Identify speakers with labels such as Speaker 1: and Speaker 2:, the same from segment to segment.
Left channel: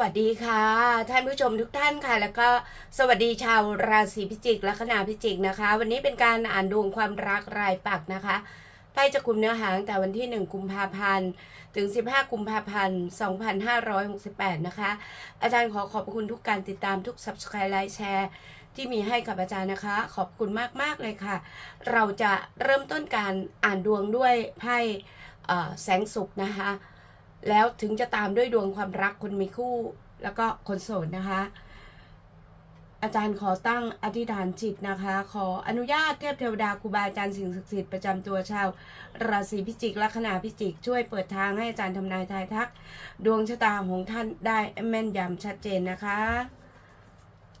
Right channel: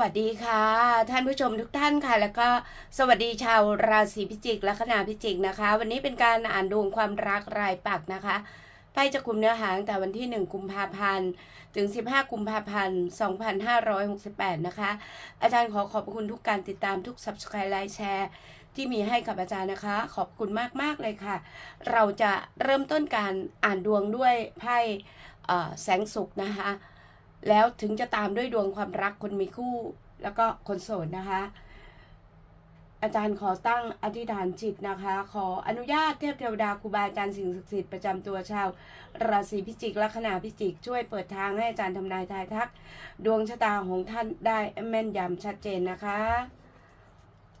Speaker 1: วัสดีค่ะ ท่านผู้ชมทุกท่านค่ะ แล้วก็สวัสดีชาวราศีพิจิกและคณาพิจิกนะคะ วันนี้เป็นการอ่านดวงความรักรายปักนะคะไพ่จะกลุ่มเนื้อหาตั้งแต่วันที่ 1 กุมภาพันธ์ ถึง 15 กุมภาพันธ์ 2568 นะคะ อาจารย์ขอขอบคุณทุกการติดตามทุก subscribe ไลค์แชร์ ที่มีให้กับอาจารย์นะคะ ขอบคุณมาก ๆ เลยค่ะ เราจะเริ่มต้นการอ่านดวงด้วยไพ่แสงสุขนะคะ แล้วถึงจะตามด้วยดวงความรักคนมีคู่ แล้วก็คนโสดนะคะ อาจารย์ขอตั้งอธิษฐานจิตนะคะ ขออนุญาตเทพเทวดาครูบาอาจารย์สิ่งศักดิ์สิทธิ์ประจำตัวชาว ราศีพิจิกลัคนาพิจิก ช่วยเปิดทางให้อาจารย์ทำนายทายทัก ดวงชะตาของท่านได้แม่นยำชัดเจนนะคะ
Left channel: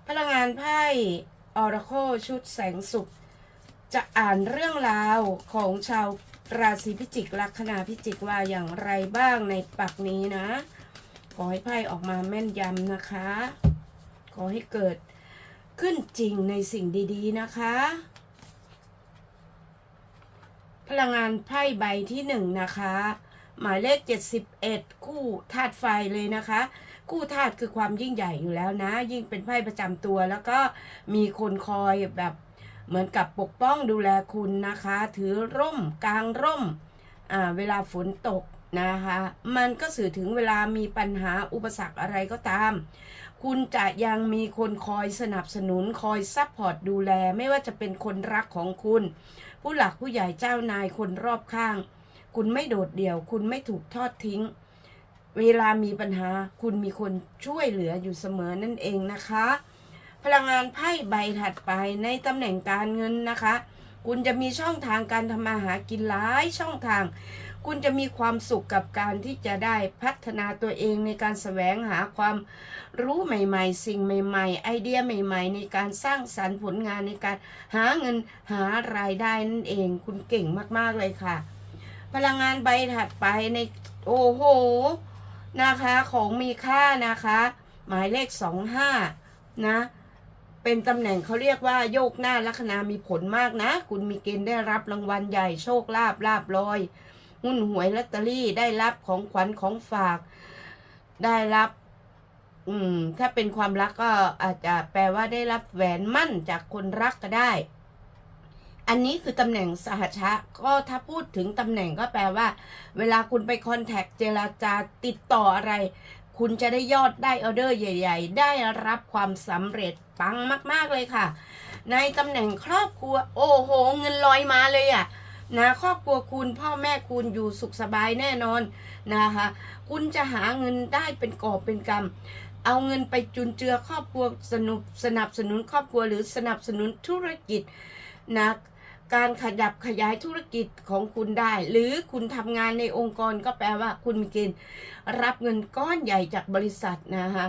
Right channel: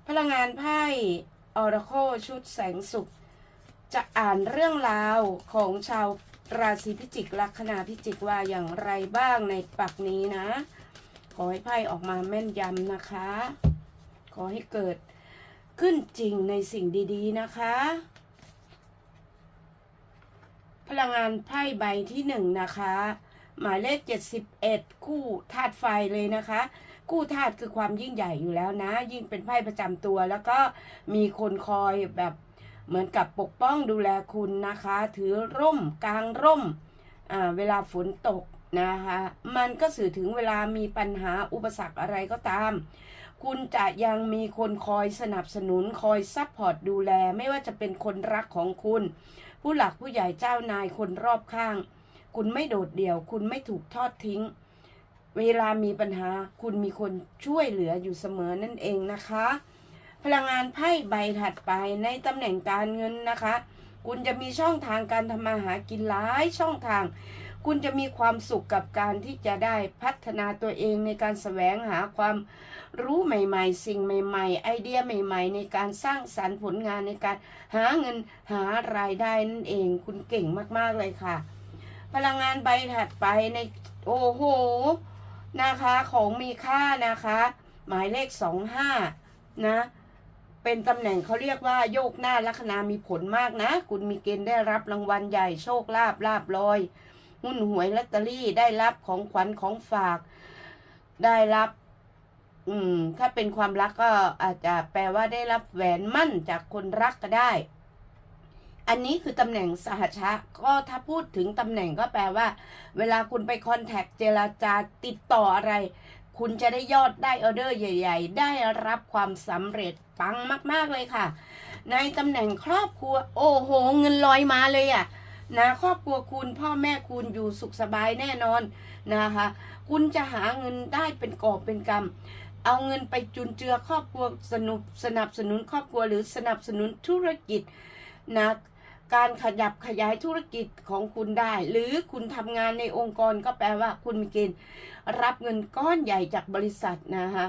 Speaker 1: พลังงานไพ่ออราโคชุดแสงสุขจะอ่านเรื่องราวของชาว ราศีพิจิกลัคนาพิจิกว่าอย่างไรบ้างในปักนี้นะ ขอให้ไพ่ออกมาแม่นยำนะคะ ขอให้เกิดขึ้นจริงในสิ่งดีๆนะคะ พลังงานไพ่ใบที่หนึ่งนะคะ หมายเลข71คู่ธาตุไฟเลยนะคะคู่ธาตุคือความยิ่งใหญ่อยู่แล้วนะ ยิ่งเป็นไพ่ประจำตัว แล้วก็มีคนคอยแบบ เหมือนกับปกป้องดูแลคุณนะคะ ถือร่มกลางร่มเวลาฝนตกนะคะ มันก็สื่อถึงเวลามีปัญหาอุปสรรคอะไรก็ตาม คุณจะยังมีคนคอยสนับสนุนคอยซัพพอร์ตดูแล ไม่ว่าจะเป็นคนรักของคุณ ผู้หลักผู้ใหญ่เจ้านายคนรอบข้าง คุณไม่โดดเดี่ยว คุณไม่ถูกทอดทิ้ง เวลามีปัญหาคุณมีคนช่วยเหลืออยู่เสมอนั่นเองนะคะ พลังงานไพ่ใบถัดไปในตำแหน่งการเงินนะคะ คุณจะมีช่องทางการทำมาหากินหลายช่องทาง คุณจะมีความสุขกับการที่จะได้พัฒนาตัวเองในการแสวงหาความรู้ใหม่ๆ สิ่งใหม่ๆ ไอเดียใหม่ ๆ ในการสร้างสรรค์ผลงานในการหาเงินหารายได้นั่นเอง คุณเก่งมากๆเลยค่ะ พลังงานใบถัดไปในโอ้โหนะคะของมีค่านะคะ หมายเลขสองห้านะ เป็นตำแหน่งเขาเรียกว่าโยกหน้าลัคนามีผลมากนะ คุณมีเกณฑ์ได้รับรางวัลใหญ่โชคลาภลาบลอยหุ้นหวยลอตเตอรี่ได้รับของขวัญของฝาก ได้รับ อืม ถ้าเป็นความรักก็อาจจะแปลว่าได้รับแหวนมั่นจากคนรักก็ได้ อันนี้คือตำแหน่งสหชะ ก็ถ้าพูดถึงตำแหน่งก็แปลว่า เวลาคุณไปคอนแทคเจรจาติดต่ออะไร คุณจะได้ยอดได้ออเดอร์ใหญ่ ๆ ได้รับความสำเร็จปังมาก ๆ เลยค่ะ ในตำแหน่งครอบครัว โอ้โห เงินลอยมาเลยอะ่ะนะครอบครัวคุณพ่อแม่คุณอยู่สุขสบายแน่นอนนะคะ คุณจะหาเงินได้เป็นกอบเป็นกำเอาเงินไปจุนเจือครอบครัวสนุบสนับสนุนครอบครัวหรือสนับสนุนธุรกิจนะการขยับขยายธุรกิจของคุณได้ หรือคุณทำงานในองค์กรก็แปลว่าคุณมีเกณฑ์ รับเงินก้อนใหญ่จากบริษัทนะคะ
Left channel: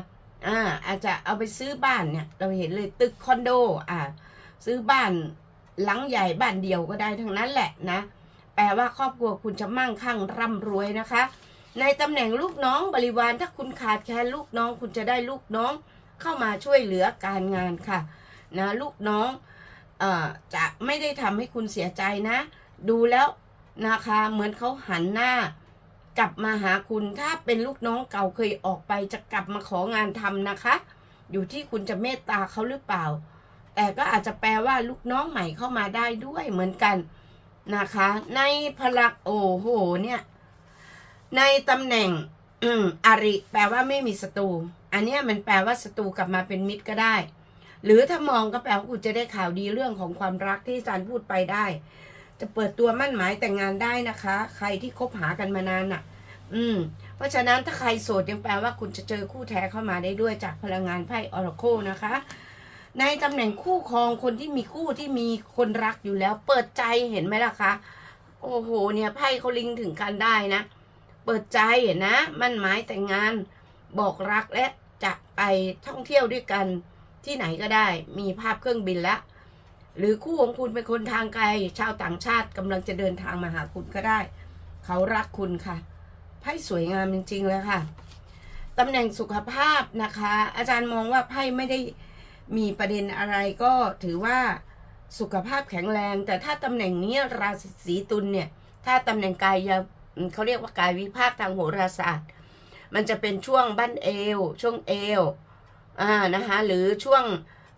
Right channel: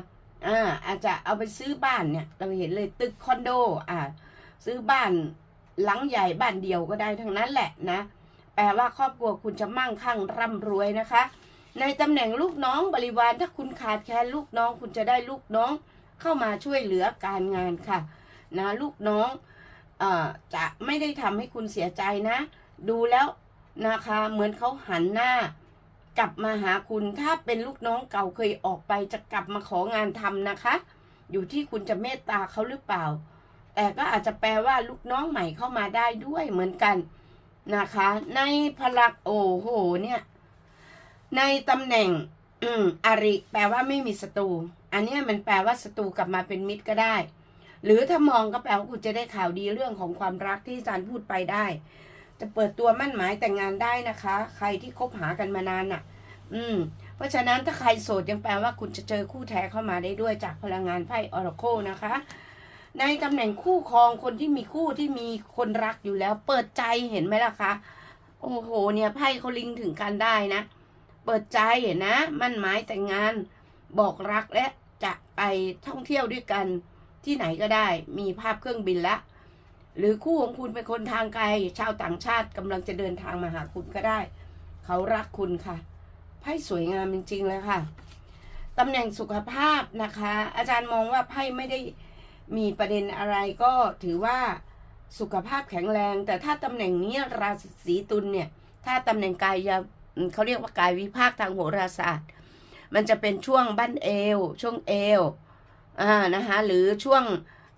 Speaker 1: อ่าอาจจะเอาไปซื้อบ้านเนี่ย เราเห็นเลยตึกคอนโดอ่าซื้อบ้านหลังใหญ่บ้านเดียวก็ได้ทั้งนั้นแหละนะ แปลว่าครอบครัวคุณจะมั่งคั่งร่ำรวยนะคะ ในตำแหน่งลูกน้องบริวารถ้าคุณขาดแคลนลูกน้อง คุณจะได้ลูกน้องเข้ามาช่วยเหลือการงานค่ะนะลูกน้องเอ่อจะไม่ได้ทำให้คุณเสียใจนะ ดูแล้วนะคะเหมือนเขาหันหน้า กลับมาหาคุณถ้าเป็นลูกน้องเก่าเคยออกไปจะกลับมาของานทำนะคะ อยู่ที่คุณจะเมตตาเขาหรือเปล่า แต่ก็อาจจะแปลว่าลูกน้องใหม่เข้ามาได้ด้วยเหมือนกันนะคะ ในพลังโอ้โหเนี่ย ในตำแหน่งอืมอริแปลว่าไม่มีศัตรูอันนี้มันแปลว่าศัตรูกลับมาเป็นมิตรก็ได้ หรือถ้ามองก็แปลว่าคุณจะได้ข่าวดีเรื่องของความรักที่อาจารย์พูดไปได้ จะเปิดตัวมั่นหมายแต่งงานได้นะคะ ใครที่คบหากันมานานน่ะ อืม เพราะฉะนั้นถ้าใครโสดยังแปลว่าคุณจะเจอคู่แท้เข้ามาได้ด้วยจากพลังงานไพ่ออร์โคนะคะ ในตำแหน่งคู่ครองคนที่มีคู่ที่มีคนรักอยู่แล้ว เปิดใจเห็นไหมล่ะคะ โอ้โห เนี่ยไพ่เขาลิงถึงกันได้นะ เปิดใจนะ มั่นหมายแต่งงาน บอกรักและจะไปท่องเที่ยวด้วยกันที่ไหนก็ได้ มีภาพเครื่องบินแล้ว หรือคู่ของคุณเป็นคนทางไกล ชาวต่างชาติกำลังจะเดินทางมาหาคุณก็ได้ เขารักคุณค่ะไพ่สวยงามจริงๆเลยค่ะตำแหน่งสุขภาพนะคะ อาจารย์มองว่าไพ่ไม่ได้มีประเด็นอะไรก็ถือว่าสุขภาพแข็งแรง แต่ถ้าตำแหน่งนี้ราศีตุลเนี่ย ถ้าตำแหน่งกายยเขาเรียกว่ากายวิภาคทางโหราศาสตร์ มันจะเป็นช่วงบั้นเอว ช่วงเอวอ่านะคะหรือช่วง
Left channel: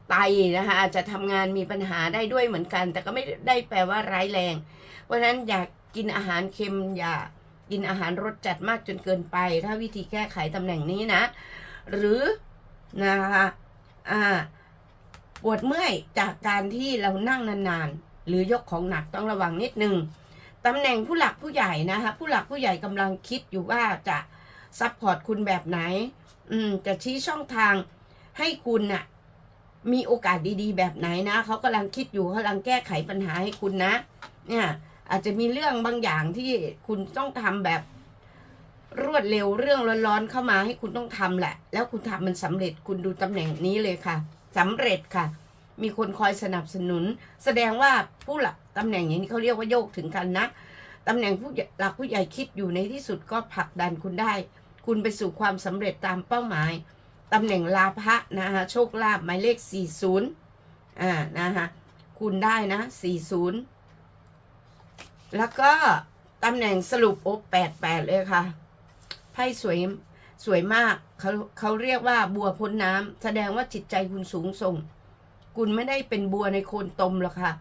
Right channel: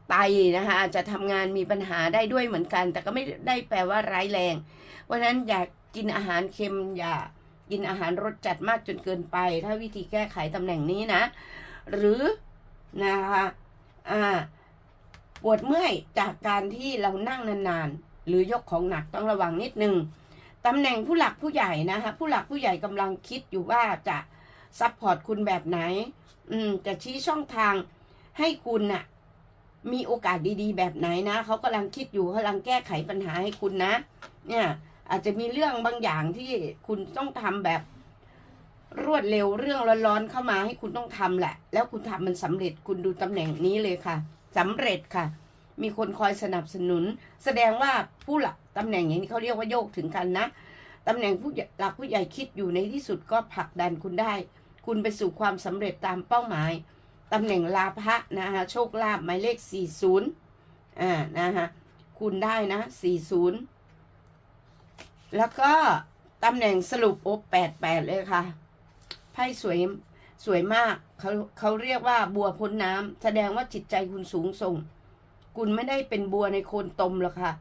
Speaker 1: ไตนะคะอาจจะทำงานมีปัญหาได้ด้วยเหมือนกัน แต่ก็ไม่ได้แปลว่าร้ายแรง เพราะฉะนั้นอย่ากินอาหารเค็มอย่ากินอาหารรสจัดมากจนเกินไป ถ้าวิธีแก้ไขตำแหน่งนี้นะ หรือนะคะอ่าปวดเมื่อยจากการที่เรานั่งนานๆ หรือยกของหนักต้องระวังนิดนึงตำแหน่งผู้หลักผู้ใหญ่นะคะผู้หลักผู้ใหญ่กำลังคิดอยู่ว่าจะซัพพอร์ตคุณแบบไหน อืมจะชี้ช่องทางให้คุณน่ะ มีโอกาสดีๆ แบบไหนนะเขากำลังคิดอยู่เขากำลังแก้ไขปัญหาให้คุณนะ เนี่ยอาจจะมีเรื่องบางอย่างที่คุณต้องทำแบบรวดเร็วเรื่องร้อนๆเข้ามาให้คุณต้องทำแหละ แล้วคุณทำมันสำเร็จคุณดูตำแหน่งนี้เลยค่ะสำเร็จค่ะ มีคนคอยสนับสนุน แสดงว่าผู้หลักตำแหน่งอย่างนี้เขาเรียกว่าโยกถึงกันนะตำแหน่งผู้หลักผู้ใหญ่คิดอยู่ในที่สุดก็ผลักดันคุณได้ คุณไปสู่ความสำเร็จตามเป้าหมาย ตำแหน่งลาภะนะคะโชคลาภหมายเลข 40อ่านะคะคุณได้นะ 40 แล้วก็ตำแหน่งสรุปโอ88 เลยค่ะไพ่สวยสวยมากเขาเขาเรียกว่าบัวพ้นน้ำแสดงว่าจิตใจคุณสูงส่ง คุณไม่ได้เป็นบัวในโคนตมหรอกค่ะ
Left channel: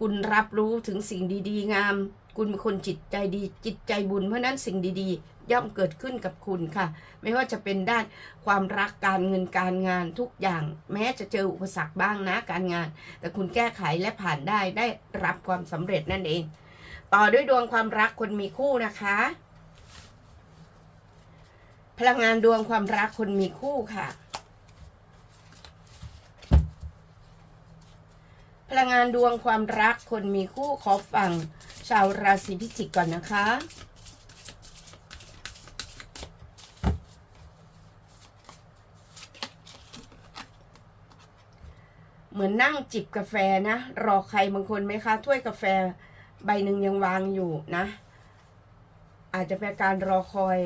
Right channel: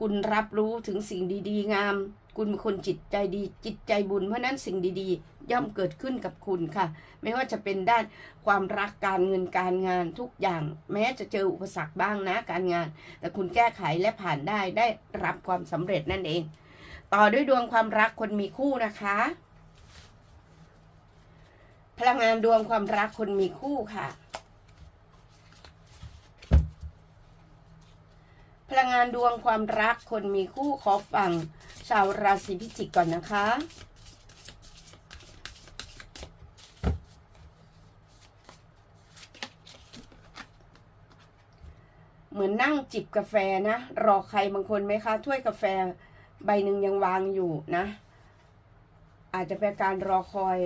Speaker 1: คุณรับรู้ถึงสิ่งดี ๆ งาม คุณเป็นคนจิตใจดี จิตใจบุญเพราะนั้นสิ่งดี ๆ ย่อมเกิดขึ้นกับคุณค่ะ ไม่ว่าจะเป็นด้านความรักการเงินการงานทุกอย่าง แม้จะเจออุปสรรคบ้างนะการงาน แต่คุณแก้ไขและผ่านได้ได้รับความสำเร็จนั่นเอง ต่อด้วยดวงความรักคนมีคู่นะคะ พลังงานดวงความรักคนมีคู่ค่ะพลังงานดวงความรักคนมีคู่ขอฟังชาวราศีพิจิกก่อนนะคะ เหมือนนั่งจิบกาแฟนะ รอใครบางคนไหมคะ ถ้วยกาแฟใบหนึ่งยังวางอยู่นะ อาจจะเป็นการรอคอย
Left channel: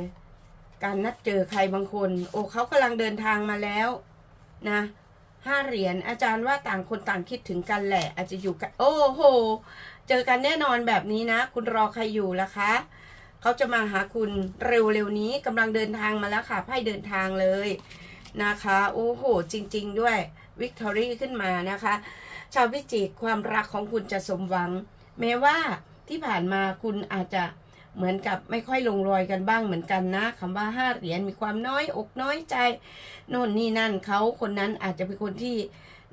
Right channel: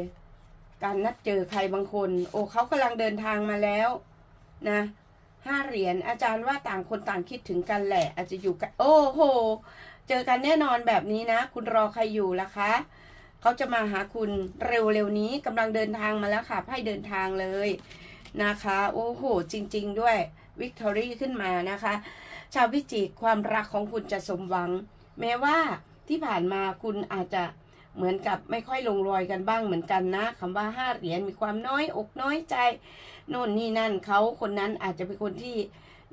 Speaker 1: การนัดเจอใครบางคน โอ้เขากำลังเดินทางมาแล้วนะห้าเหรียญอาจารย์ว่าต่างคนต่างคิดถึงกันแหละ อาจจะอยู่กัน โอ้โห เจอกันแน่นอนแบบนี้นะ คุณรอใครอยู่ล่ะคะเขาจะมาหาคุณเร็วๆนี้กำลังเดินทางมาแล้วค่ะไพ่เดินทางเลยนะคะ โอ้โห จริง ๆ ด้วย วิกตอรี่ขึ้นมานะคะ ชาวพิจิกความรักของคุณจะสมหวัง แม้ว่าที่ผ่านมาคุณอาจจะเหมือนกับไม่ค่อยลงรอยกันบ้างเหมือนกันนะคำว่าห้าเหรียญมีความน้อยอกน้อยใจโน่นนี่นั่นเขาคนนั้นอาจจะเป็นคนที่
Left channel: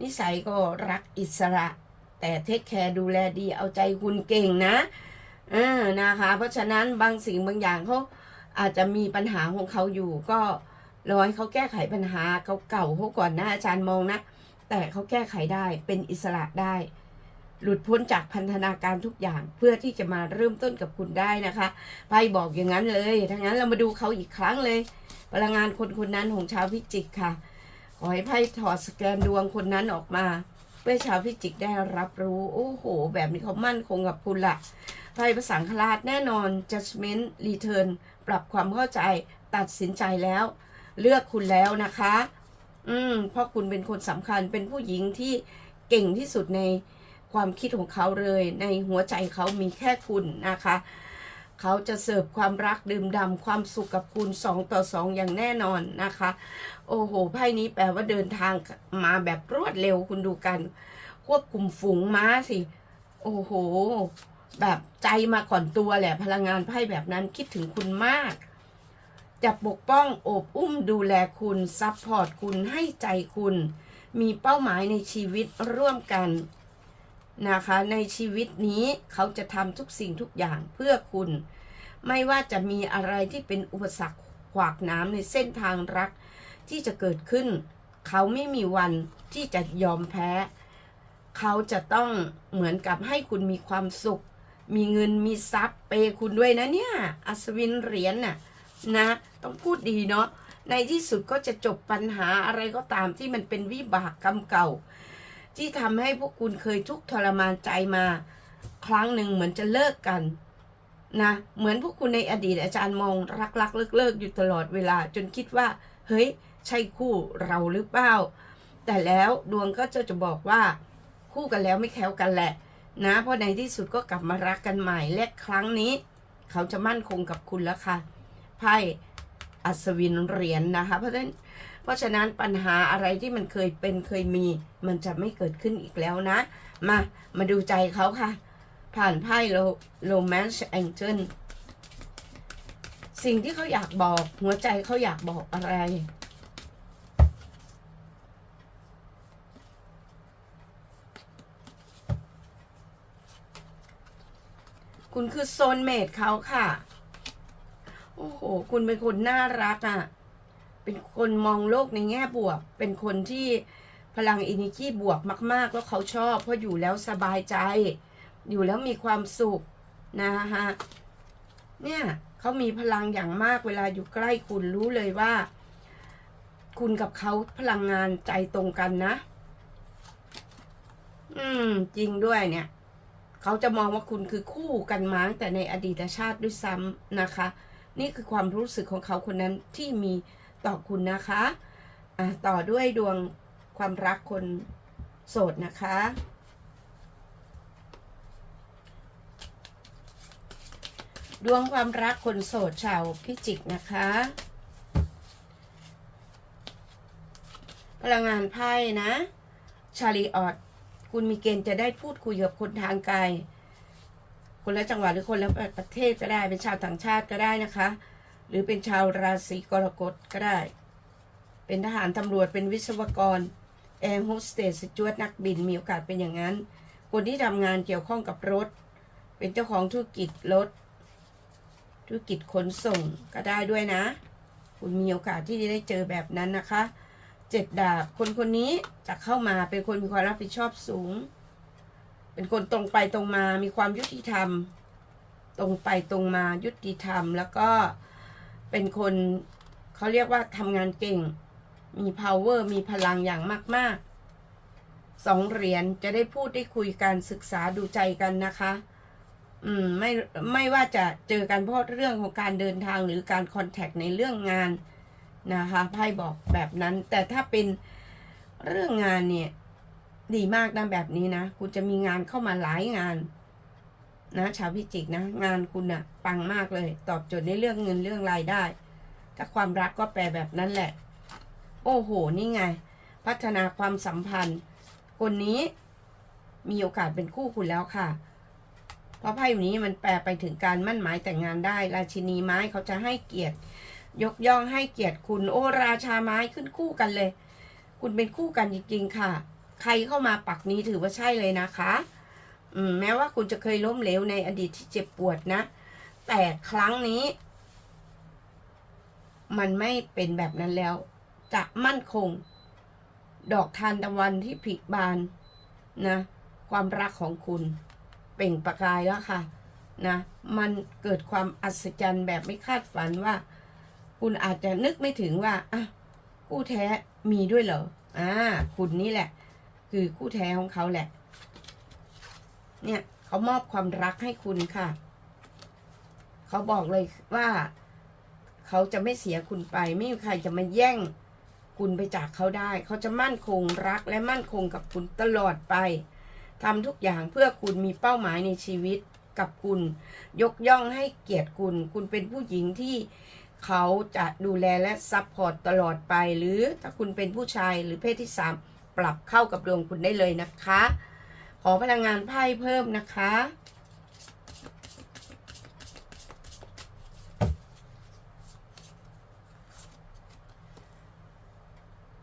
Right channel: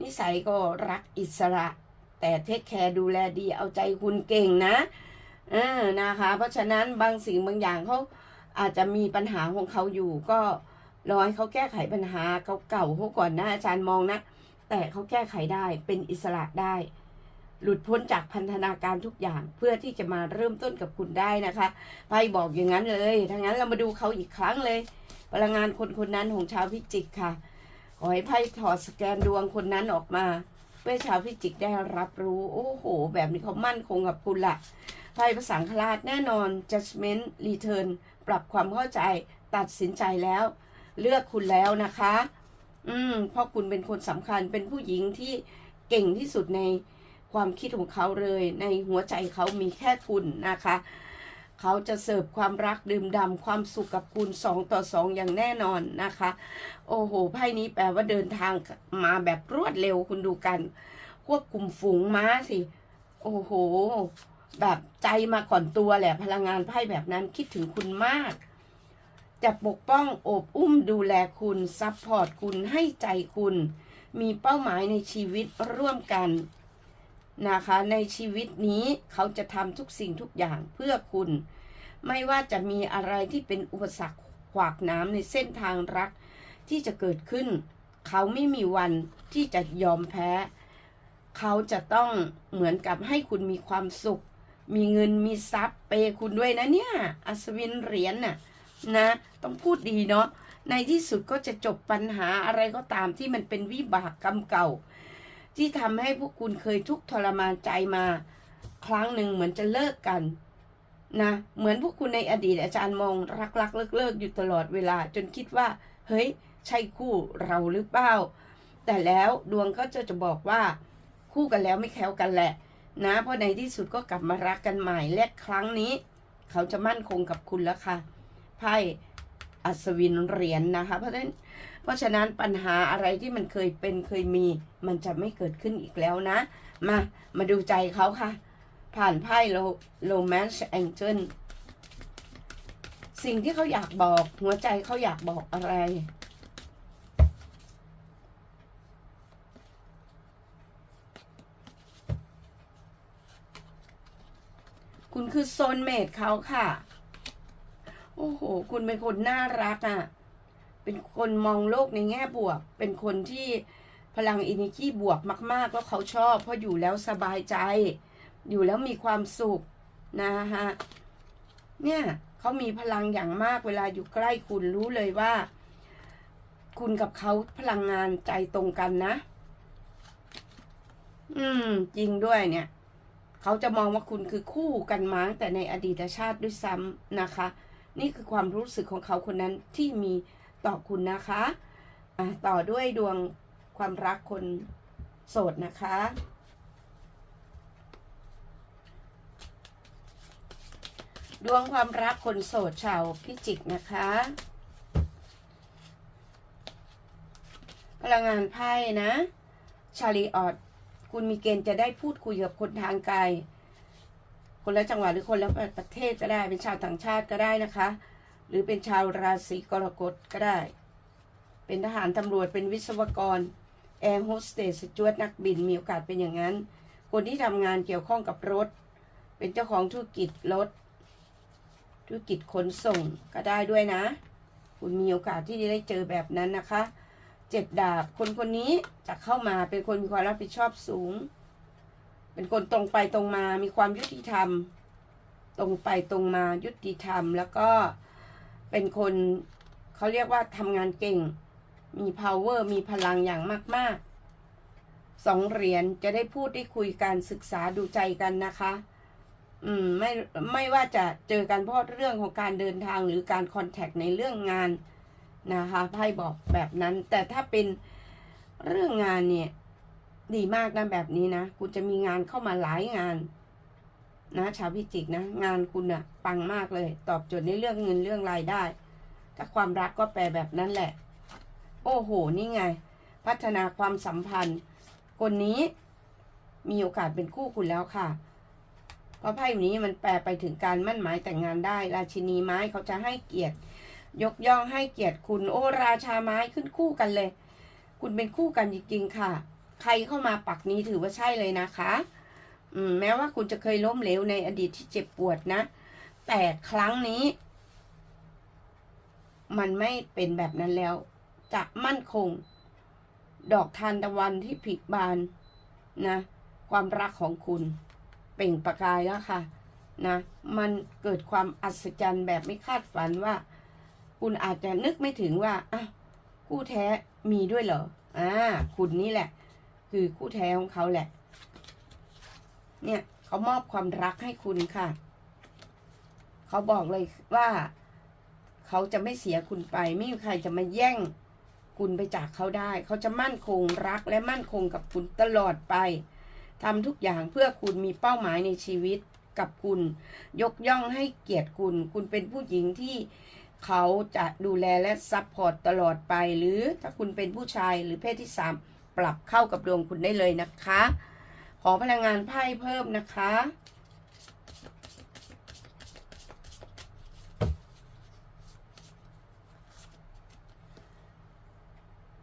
Speaker 1: นิสัยก็รักอิสระ แต่เทคแคร์ดูแลดีเอาใจคุณเก่งนะเออนะคะ เพราะฉะนั้นบางสิ่งบางอย่างเขาอาจจะมีปัญหาของเขาอยู่ก็รอให้เขาแก้ไขปัญหาเขาเก่าเขาก่อนนะอาจารย์มองนะ แต่เขาแก้ไขได้เป็นอิสระได้ หลุดพ้นจากพันธนาการทุกอย่างเพื่อที่จะมาเริ่มต้นกับคุณได้นะคะไพ่บอกอย่างนั้นเลยถ้างั้นเรามาดูเขาอีกครั้งเลย พลังงานคนคนนั้นของชาวพิจิกค่ะ ขอให้ไพ่ถอดสแกนดวงคนนั้นออกมา เพื่อชาวพิจิกได้รับรู้ โอ้โห แบบนี้เขามั่นคงกับคุณละไพ่ภาษาคลาดแน่นอน judgment return ปรับความเข้าใจตัดสินใจแล้ว เลือกคุณแล้วนะคะ อืมเพราะคุณเป็นคนสำคัญเป็นผู้หญิงที่เก่งที่สุดในความคิดของเขาเลย ในหัวใจเขามีแค่คุณนะคะ เขาจะเสิร์ฟความรักดื่มดำความสุขกับคุณสองต่อสองอย่างแน่นอนนะคะ โอ้โหไพ่นี้แปลว่าเดินทางมาแบบรวดเร็วคุณดูกัน ควบคุมฝูงม้าสิ โอ้โห แบบใจมาก่อนตัวแหละพลังงานไพ่แบบนั้นคิดถึงคุณมาก จะปกป้องโอบอุ้มดูแลคุณซัพพอร์ตคุณให้ใจคุณ มีเป้าหมายในชีวิตร่วมกันนะคะ ในชีวิตนี้เขาจะทำทุกสิ่งทุกอย่างเพื่อคุณ ไม่ว่าจะมีอะไรที่เป็นอุปสรรคขวากน้ำในเส้นทางรักที่จะเกิดขึ้น เขาไม่มีวันที่จะยอมแพ้ เขาจะต้องเหมือนกับให้คุณมีความสุข มีเงินมีทรัพย์เปคุณด้วยนะเนี่ย อัศวินเหรียญน่ะนะ ต้องพูดดีเนาะในที่สุดก็จะจบปัญหาอะไรก็ตามที่มันเป็นวิบากกรรมเก่า ที่ทำให้พวกคุณเคยทุกข์ทรมานใจมา ครั้งหนึ่งเหมือนจะเลิกกันนะเหมือนพวกคุณในอดีตอาจารย์มองรักรักเลิกเลิกอยู่ตลอดเวลา จนคิดว่า เฮ้ย ใช่คู่เราหรือเปล่า แต่แล้วดวงก็จะจะบอกว่าคู่กันแล้วไม่แคล้วกันแหละ นะเพราะในที่สุดก็กลับมารักกันใหม่และครั้งนี้ เขาจะมั่นคงกับคุณแล้วค่ะไพ่ อัศวินเหรียญนนะคะ เพราะฉะนั้นเพราะฉะนั้นปัญหาอะไรที่มันเคยเป็นเคยมี มันจะไม่เกิดขึ้นอีกแล้วนะ มามาดูใจเขาค่ะ ผ่านไพ่โลโรแมนส์แองเจิลสิ่งที่เขาอยากบอกหัวใจเขาอยากบอกอะไรคุณคือโซนเมดเขาค่ะ อ้โห คุณเป็นคนน่ารักอะ่ะ เป็นคนมองโลกในแง่บวก เป็นคนที่พลังอินิจีบวกมาก ๆ แล้วเขาชอบ เพราะอยู่แล้วสบายใจ อยู่แล้วมีความสุขนะฮะ เนี่ยเขามีพลังอย่างมากเวลาอยู่ใกล้คุณรู้เลยว่า คุณกับเขาพลังงานใจตรงกันนะ อืม จริงด้วยเนี่ย เขาจะมองว่าคุณคือคู่กันมาตั้งแต่ในอดีตชาติด้วยซ้ำนะคะ นี่คือความรู้สึกของเขาคนนั้นที่มีต่อคุณนะคะะต่อด้วยดวงความรักคนโสดนะคะ ดวงความรักคนโสดชาวพิจิกนะคะ พลังงานไพ่นะ ชาลีออด คุณมีเกณฑ์จะได้พูดคุยกับคนทางไกล คนละจังหวัดหรือคนละประเทศก็ได้ เป็นชาวต่างชาติก็ได้นะคะ หรือเป็นชาวราศีกรกฎก็ได้ เป็นทหารตำรวจเป็นวิศวกรแอร์โฮสเตสจวดนักบินมีโอกาสเป็นอย่างนั้น คนที่ทำงานเกี่ยวข้องกับรถ เป็นเจ้าของธุรกิจรถ ธุรกิจขนส่งก็ได้ด้วยนะ คุณมีโอกาสที่จะได้เจอแบบนั้นนะคะเจ็ดดาบคนคนนี้จะเข้ามาเป็นคนมีความรับผิดชอบสูง เป็นคนตรงไปตรงมา มีความยุติธรรม ตรงไปตรงมายุติธรรม แล้วก็เป็นคนเขาเรียกว่าทำงานเก่ง มี power มีพลังอย่างมาก ๆ สองเหรียญจะได้พูดได้คุยกันศึกษาดูใจกันนะคะ อืมไม่ไม่ว่าจะเจอกันเพราะเรื่องของการเดินทางหรือการคอนแทคในเรื่องงานนะคะไพ่บอกแบบนั้น แต่ถ้าเป็นเรื่องงานเนี่ย ดีมากนะแบบนี้นะคุณจะมีงานเข้ามาหลายงาน นะชาวพิจิกนะ งานคุณนะ่ะปังมากเลย ตอบโจทย์ในเรื่องเงินเรื่องรายได้ถ้าความรักก็แปลแบบนั้นแหละ โอ้โห นี่ไง พัฒนาความสัมพันธ์ คนนี้มีโอกาสเป็นคู่คุณแล้วค่ะ เพราะไพ่นี้มันแปลไปถึงการมั่นหมายแต่งงานได้ ราชินีไม้เขาจะให้เกียรติ ยกย่องให้เกียรติคุณ โอ้ราชาไม้ขึ้นคู่กันเลย คุณเป็นคู่กันจริงๆค่ะ ใครเข้ามาปักนี้ถือว่าใช่เลยนะคะอืมแม้ว่าคุณจะเคยล้มเหลวในอดีตที่เจ็บปวดนะ แต่ครั้งนี้ มันไม่เป็นแบบนั้นแล้ว จะมั่นคง ดอกทานตะวันที่ผลิบานนะ ความรักของคุณ เปล่งประกายแล้วค่ะนะ มันเกิดความอัศจรรย์แบบไม่คาดฝันว่า คุณอาจจะนึกไม่ถึงว่าอะคู่แท้มีด้วยเหรออ่าคุณนี่แหละ คือคู่แท้ของเขาแหละ เนี่ยเขามอบความรักให้คุณค่ะ เขาบอกเลยว่า เขาจะไม่เสียคุณไป ไม่มีใครจะมาแย่งคุณไปจากเขาได้ เขาจะมั่นคงรักและมั่นคงกับคุณตลอดไปทำทุกอย่างเพื่อคุณมีเป้าหมายในชีวิตกับคุณ ยกย่องให้เกียรติคุณ คุณเป็นผู้หญิงที่เขาจะดูแลและซัพพอร์ตตลอดไป หรือถ้าคุณเป็นผู้ชายหรือเพศที่สาม ปรับเข้ากับดวงคุณได้เลยนะคะ ขอพลังงานไพ่เพิ่มนะคะ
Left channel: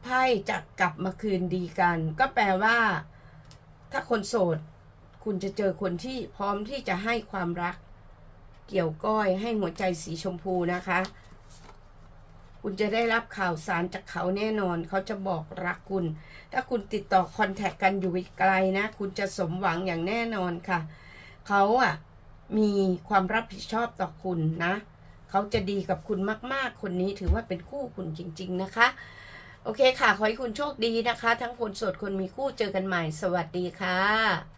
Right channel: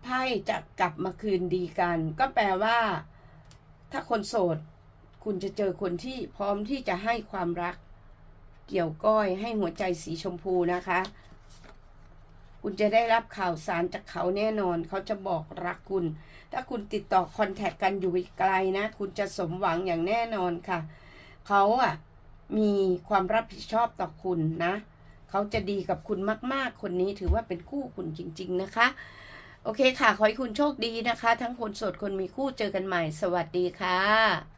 Speaker 1: ไพ่จะกลับมาคืนดีกัน ก็แปลว่า ถ้าคนโสด คุณจะเจอคนที่พร้อมที่จะให้ความรัก เกี่ยวก้อยให้หัวใจสีชมพูนะคะคุณจะได้รับข่าวสารจากเขาแน่นอน เขาจะบอกรักคุณ ถ้าคุณติดต่อคอนแทคกันอยู่ไกลนะ คุณจะสมหวังอย่างแน่นอนค่ะ เขาอะมีความรับผิดชอบต่อคุณนะ เขาจะดีกับคุณมาก ๆ คนนี้ถือว่าเป็นคู่คุณจริง ๆ นะคะ โอเคค่ะ ขอให้คุณโชคดีนะคะ ทั้งคนโสดคนมีคู่เจอกันใหม่ สวัสดีค่ะ